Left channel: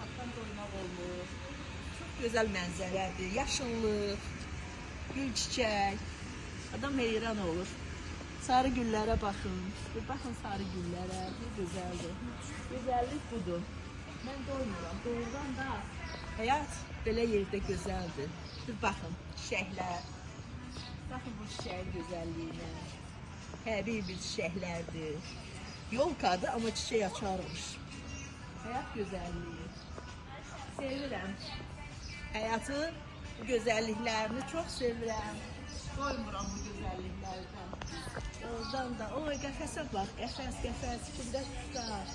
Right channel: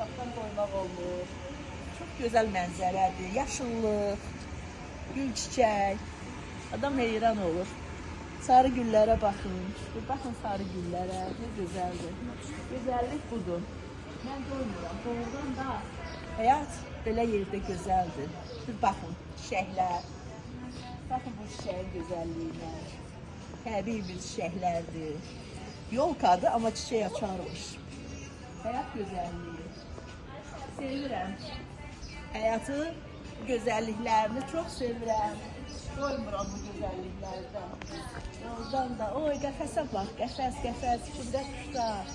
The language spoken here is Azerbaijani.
baxmaqdan doymaq olmur. Çox gözəl mənzərədir, yaşıllıq, gül çiçək. Adam heyran olur. Sarı güllərə baxın. Baxın sarı güllərə, nə gözəldir. Gözəllik budur. Mən doymuram, doğrudan da həyat belə yerdə gözəldir. Baxın, çiçəklər. Baxın bu çiçəyin gözəlliyinə. Təbii bir çiçəklərdir. Yolkadır, amma çiçək açarmış. Həyat gözəlliyi. Sevirəm. Həyatın gözəlliklərini çox sevirəm. Doymuram bu gözəlliklərdən. Oradan da, oy qəfəsə bax, qəfəs, içində quşlar.